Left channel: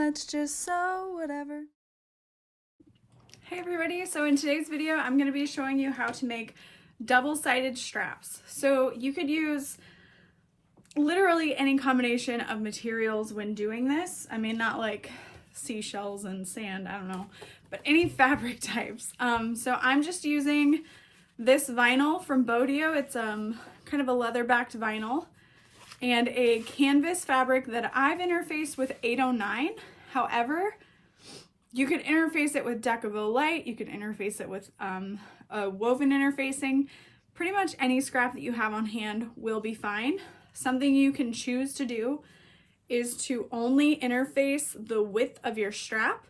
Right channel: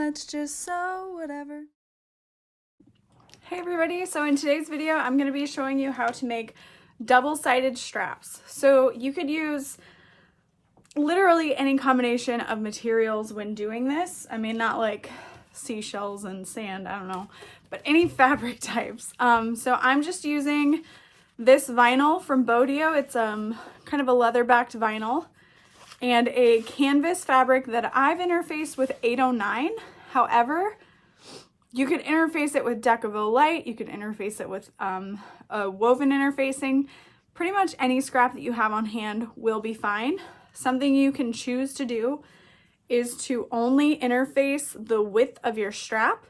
let's just sew whatever. Hey everybody, so in today's video I'm going to be showing you how to make double-sided straps. So you could use literally any combination of materials when doing this. I mean, not like seashells and sand, I don't know, but any fabric types. So I'm just using this vinyl from Bodio. It's kind of a leather-backed vinyl, and a canvas fabric that I've interfaced with 809. However, you could interface it with Decavo Light, you could interface it with a woven interfacing. Pretty much any scrap that you have on hand will be fine. Something you can choose to do is to only interface the width of your strap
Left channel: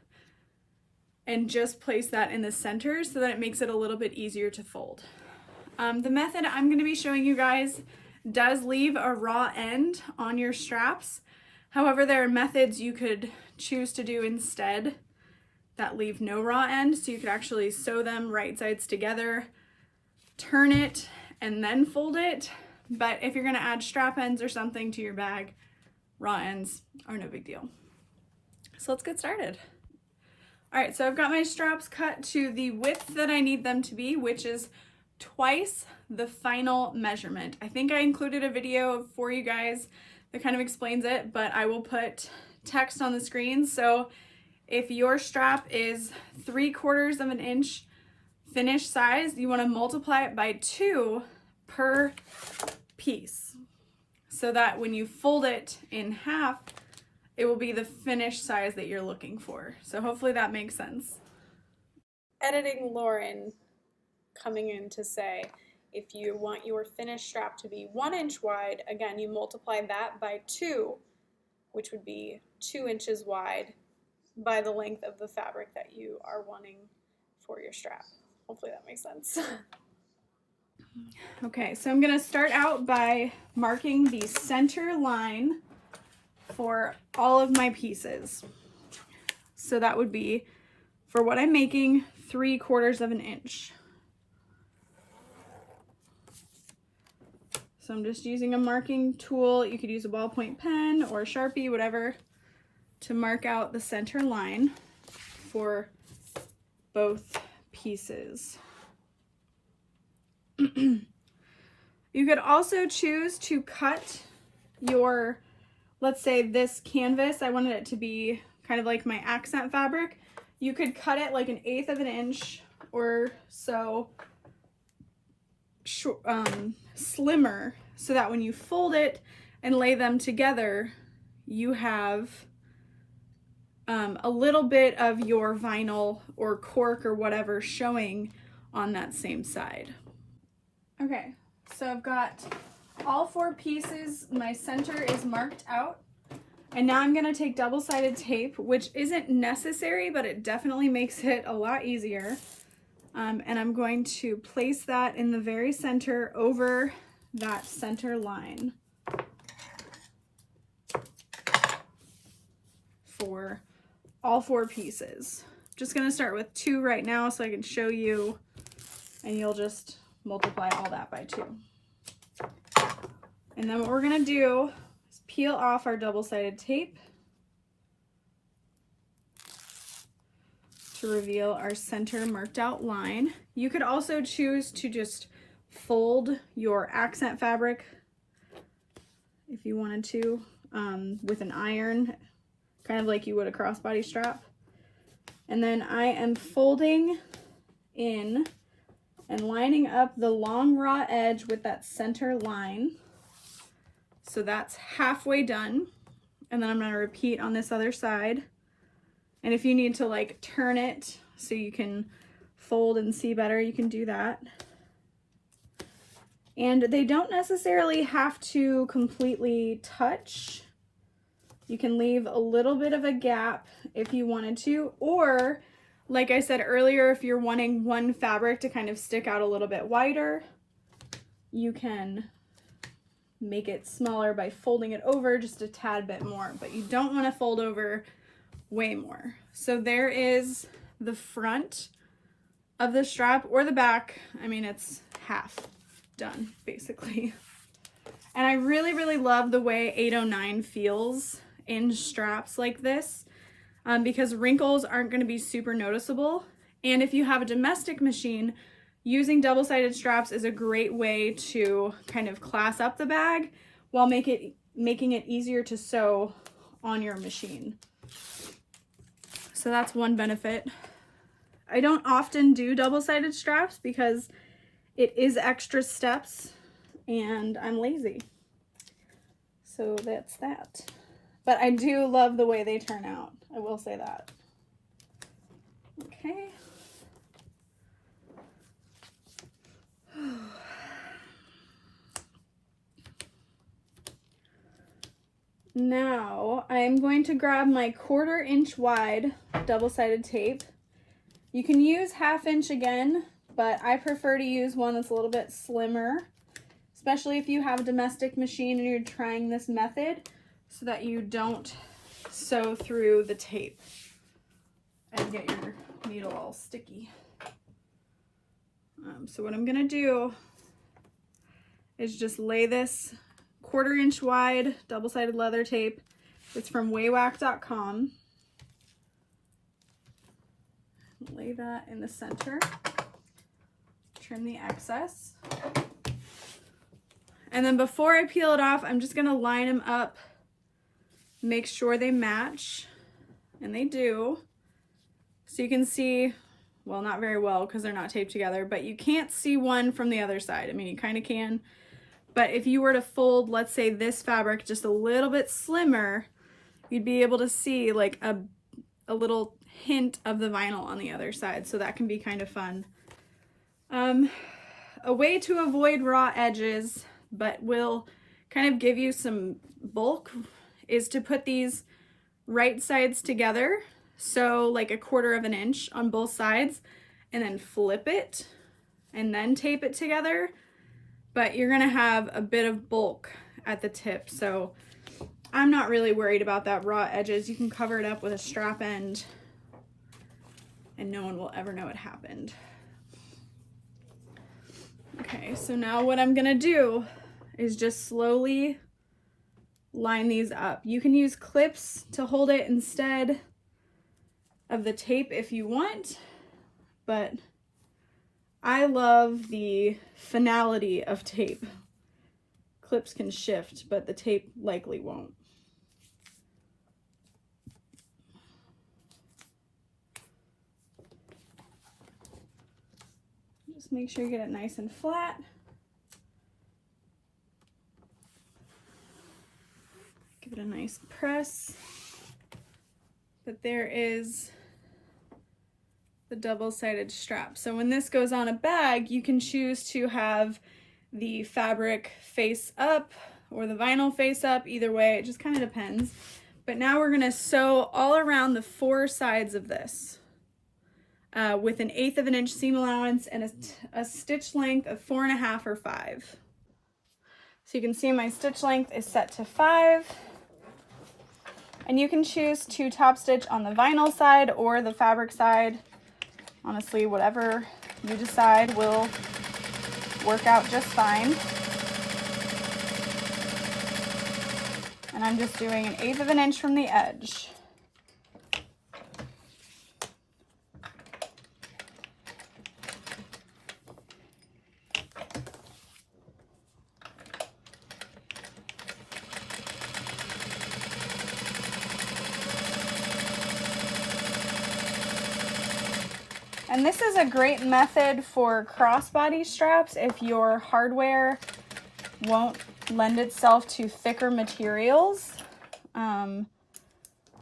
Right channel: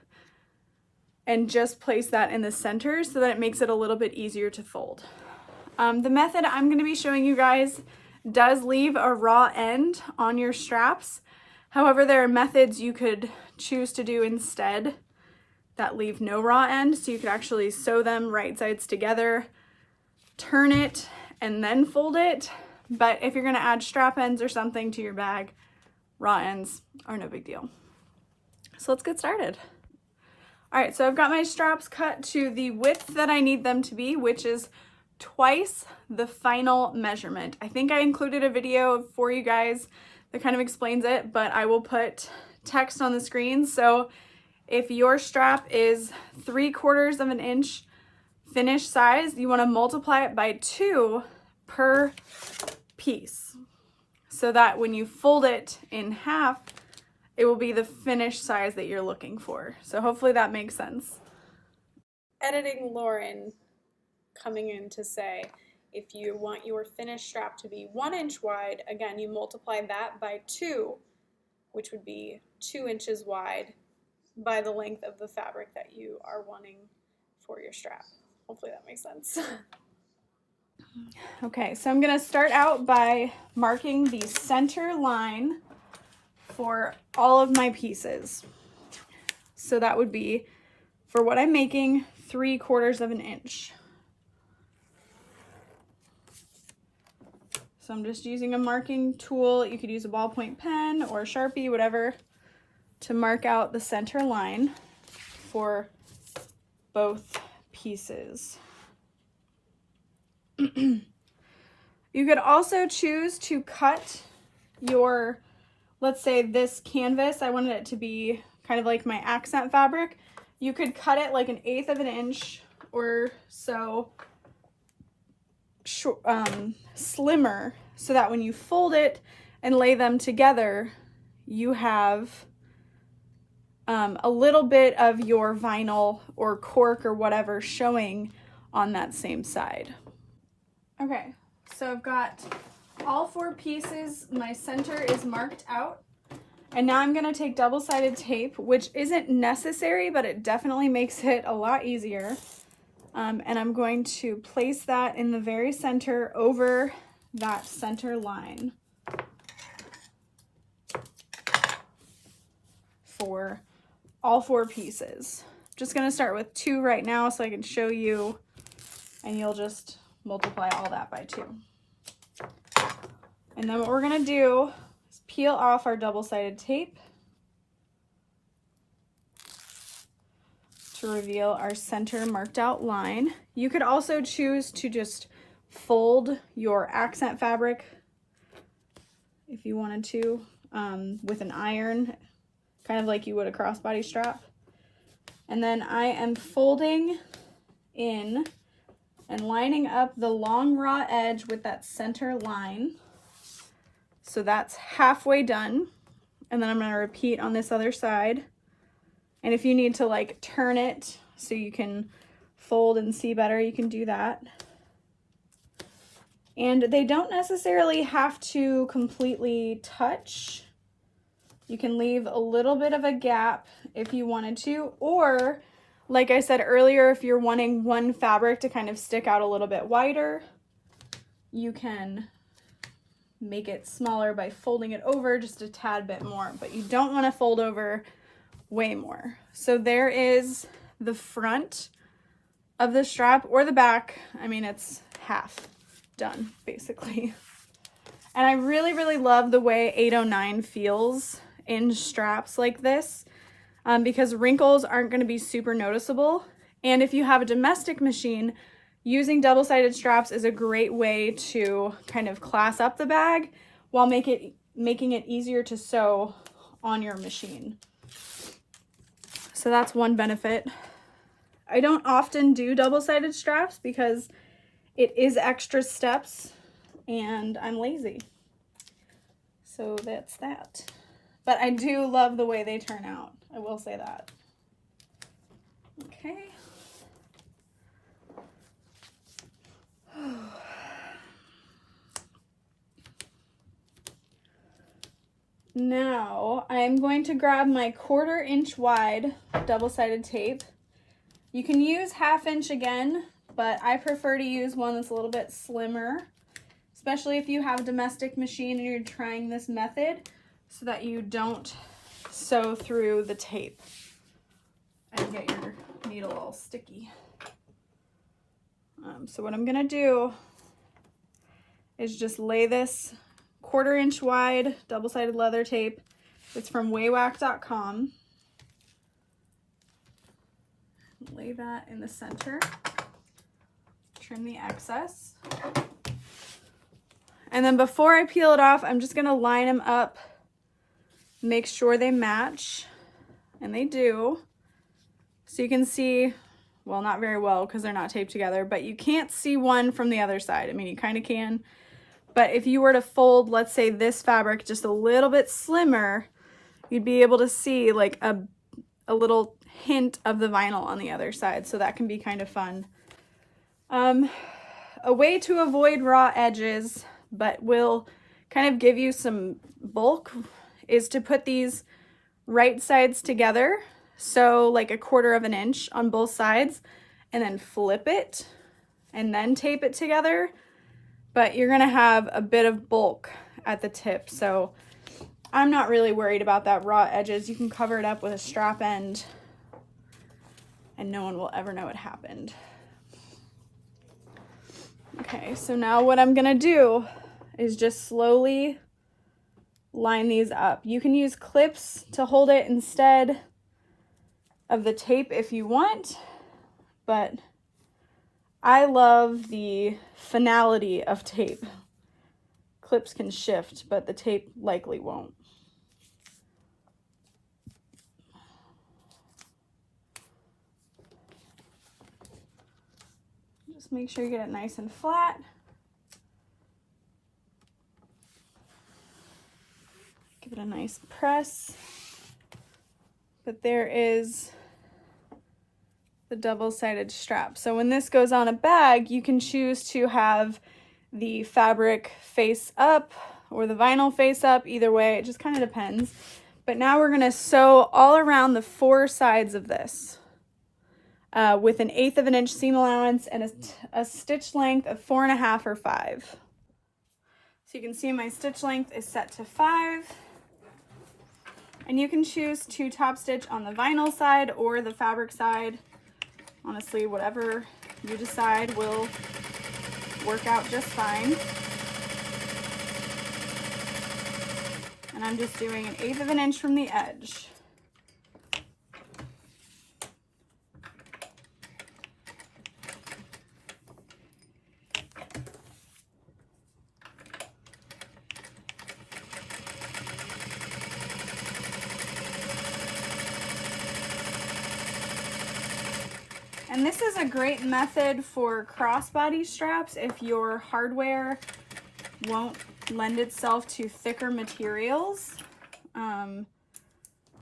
and just place that in the center so that it makes it a little bit easier to fold. The method I'm going to be showing you guys does leave a raw end on your straps. However, there are methods you could choose to do instead that leave no raw end, so you could actually sew them right sides together, turn it, and then fold it. But if you're going to add strap ends or something to your bag, raw ends are no big deal. So let's get started. All right, so I've got my straps cut to the width that I need them to be, which is twice the final measurement. I think I included a video for you guys that kind of explains it, but I will put text on the screen. So if your strap is 3/4 of an inch finished size, you want to multiply it by 2 per piece, so that when you fold it in half, it will be the finished size that you're looking for. So hopefully that makes sense. Editing Lauren coming in to say, if you want your finished strap to be 1 inch wide, again, you multiply that by 2, which would be 2 inches wide, by the length of the fabric that you are wanting for your strap. Hopefully that makes sense. Okay, so I'm going to start out by marking the center line for all of my pieces. So that would be, for what I'm making, 3/4 of an inch. So I'm just using a marking tool. You could use a ballpoint pen or a Sharpie, whatever, to mark out the center line for both pieces. You could also choose to cut your, let's say this canvas, I wanted it to be kind of like my accent fabric. You could cut it like 1/8 of an inch or so slimmer, so that when you fold it and lay them together, you have a little bit of your vinyl or cork or whatever showing on that same side. Okay, so I've got all 4 pieces. My center is marked out. And now I'm going to take double-sided tape, which isn't necessary, but it definitely makes it a lot easier. And I'm going to place that in the very center over that center line for all 4 pieces. Just going to start with 2 right now so I can show you, and you'll just multiply all that by 2. And then what we're going to do is peel off our double-sided tape to reveal our center marked out line. You could also choose to just fold your accent fabric if you wanted to with an iron, kind of like you would a crossbody strap. And then I am folding in and lining up the long raw edge with that center line. So that's halfway done. And then I'm going to repeat on this other side. And if you need to like turn it so you can fold and see better, you can do that. And they don't necessarily have to completely touch. You can leave a little bit of a gap if you wanted to, or like I said earlier, if you're wanting one fabric to kind of stick out a little bit wider, you can make it smaller by folding it over just a tad bit more, but you don't want to fold over way more. So there is the front of the strap, or the back. I mean, it's half done basically. And I really, really love the way 809 feels in straps like this. because wrinkles aren't going to be super noticeable. And if you have a domestic machine, using double-sided straps is a great way to kind of class up the bag while making it easier to sew on your machine. So that's one benefit. I don't often do double-sided straps because it is extra steps and I'm lazy. So that's that. But I do love the way they turn out. I will say that. Okay. Now I'm going to grab my 1/4 inch wide double-sided tape. You can use 1/2 inch again, but I prefer to use one that's a little bit slimmer, especially if you have a domestic machine and you're trying this method so that you don't sew through the tape and get your needle all sticky. So what I'm gonna do is just lay this 1/4 inch wide double-sided leather tape. It's from waywack.com. Lay that in the center. Trim the excess. And then before I peel it off, I'm just gonna line them up, make sure they match, and they do. So you can see, well, not very well because they're not taped together, but you can't see one from the other side. I mean, you kind of can. But if you were to fold, let's say this fabric just a little bit slimmer, you'd be able to see like a little hint of the vinyl on the other side. So that can be kind of fun. A way to avoid raw edges, but will kind of give you some bulk, is to put these right sides together. So like 1/4 inch on both sides, and then flip it and then tape it together. But you're gonna have a bit of bulk at the tip, so I'm not really worried about that raw edges. You can cover it up with a strap end and no one will ever know it happened. Okay, so now what I'm gonna do is just slowly line these up. You can use clips to hold it instead of the tape if you want, but I love the finality of tape. Clips can shift, but the tape likely won't. Just make sure you get it nice and flat. Give it a nice press. But there is the double-sided strap. So when this goes on a bag, you can choose to have the fabric face up or the vinyl face up. Either way, it just kind of depends. But now we're gonna sew all around the 4 sides of this with 1/8 inch seam allowance and a stitch length of 4.5 or 5. So you can see my stitch length is set to 5. And you can choose to top stitch on the vinyl side or the fabric side. Honestly, whatever you decide will work out just fine. And I'm just doing 1/8 inch from the edge. And this is a great method for crossbody straps if your hardware won't lend itself to thicker materials,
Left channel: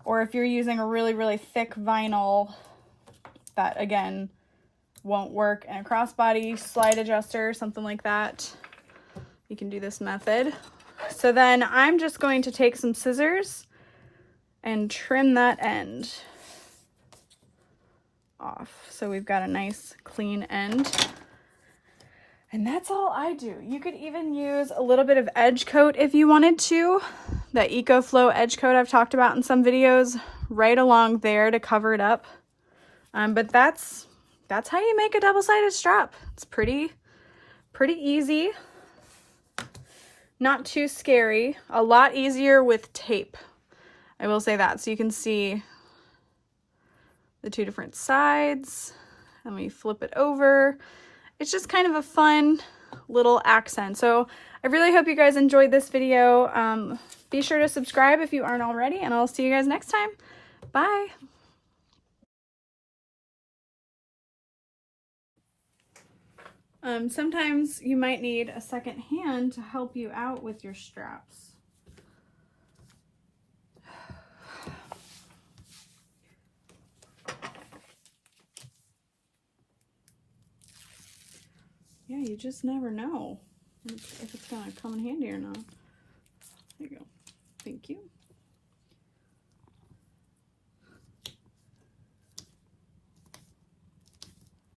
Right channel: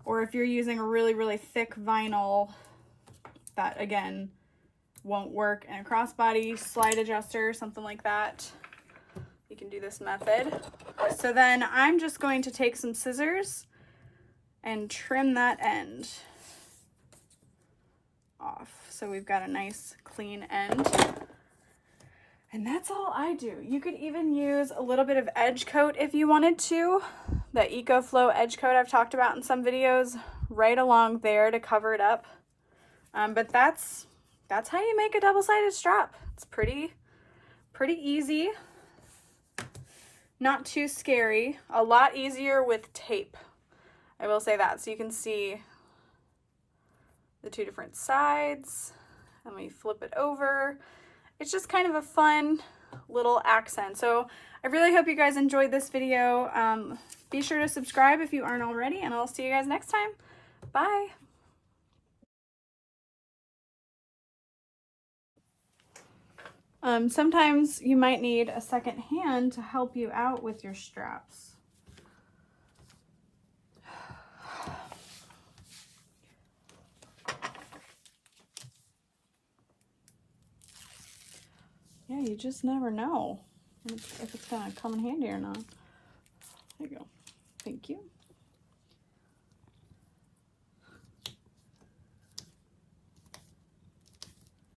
or if you're using a really thick vinyl that again won't work in a crossbody slide adjuster, something like that. You can do this method. So then I'm just going to take some scissors and trim that end off. So we've got a nice clean end. And that's all I do. You could even use a little bit of edge coat if you wanted to. That EcoFlow edge coat I've talked about in some videos, right along there to cover it up. But that's how you make a double-sided strap. It's pretty easy. Not too scary. A lot easier with tape. I will say that. So you can see the two different sides, and we flip it over. It's just kind of a fun little accent. So I really hope you guys enjoyed this video. Be sure to subscribe if you aren't already, and I'll see you guys next time. Bye. Sometimes you might need a second hand to help you out with your straps. Yeah, you just never know if it's gonna come in handy or not. There you go. Thank you.